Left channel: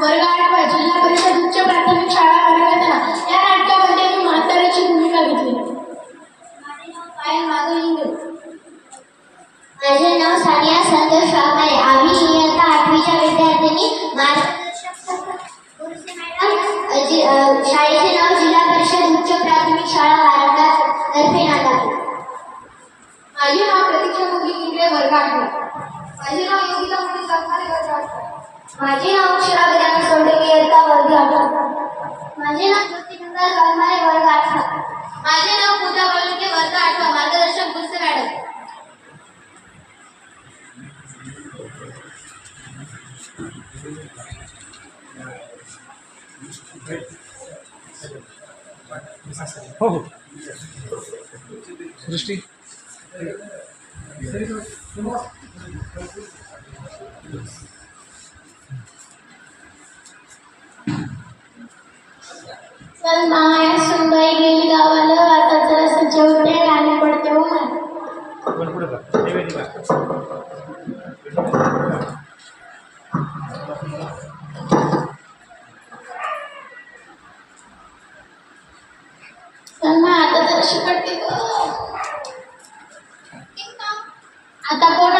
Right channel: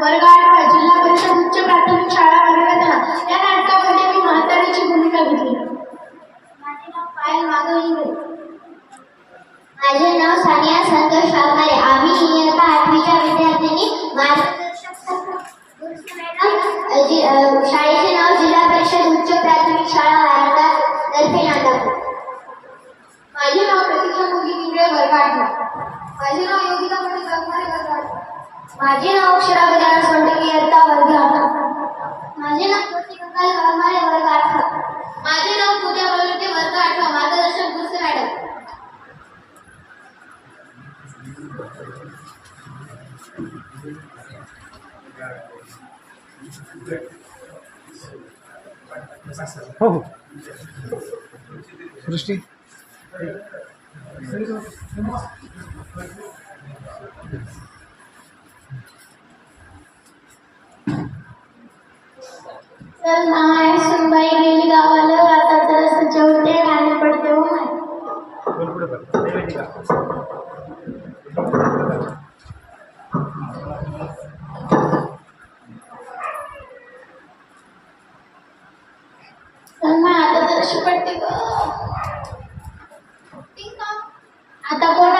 वर्ग आठवा जिल्हा परिषद उच्च प्राथमिक शाळा वर्गदना या नाटकामध्ये मी म्हाताऱ्याची भूमिका घेतली. माझे नाव पायल इंगळे माझे नाव सानिया संतोष वाघमारे. आम्ही इयत्ता आठवीच्या गुरुजी मॅडम. शाळेचे नाव जिल्हा परिषद उच्च प्राथमिक शाळा वारंगा तर्फे नांदापूर माझे नाव प्रतीक्षा मुगी इंगळे वर्ग आठवा माझे नाव योगिता मणी वाघमारे वर्ग आठवा माझे नाव अक्षरा गजानन सोडके इयत्ता वर्ग आठवा माझे नाव ज्योती गंगाल वाघमारे वर्ग आठवा माझे नाव पूजा बलुके वर्ग आठवा मार्गदर्शक गुरसे मॅडम. हो हो. सृष्टी. चल माया सुनबाई गेली गावाला आता जरा सजवते आणि पडते हो माय. चल आता जराशी पडते ग. आता कोण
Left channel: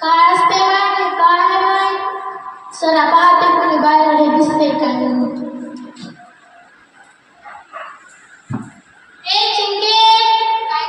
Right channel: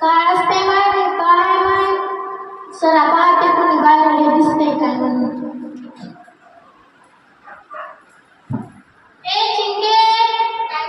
काय असते माय हे काय माय सरा पाहते कोणी बाहेर हे दिसते काय म्हणून ए चिंके काय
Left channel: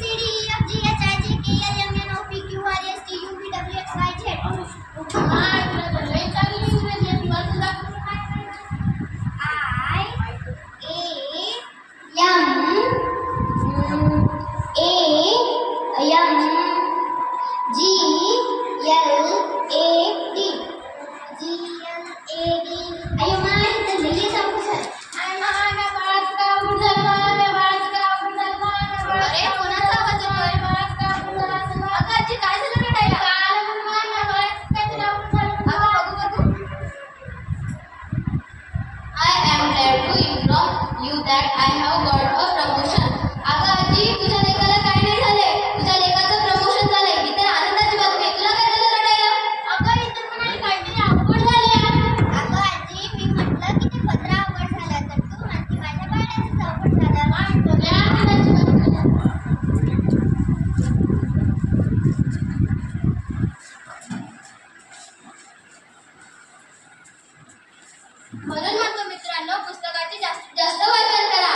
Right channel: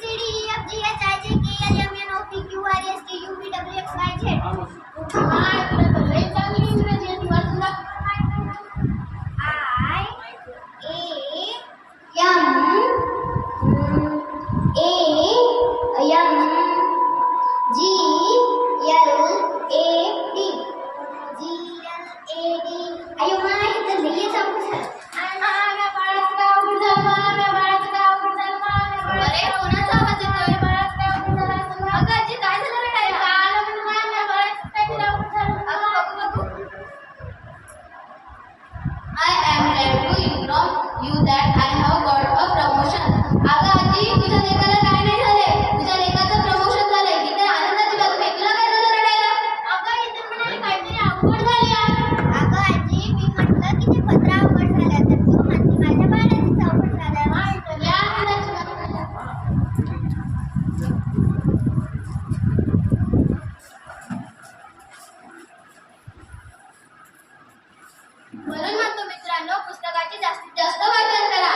मुलांना पुस्तकाचे जास्तीत जास्त वाचन करा.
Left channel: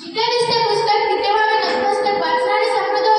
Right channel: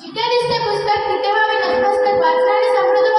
जिथे दिसते पुस्तक तिथे पुस्तक वाचणारे समृद्ध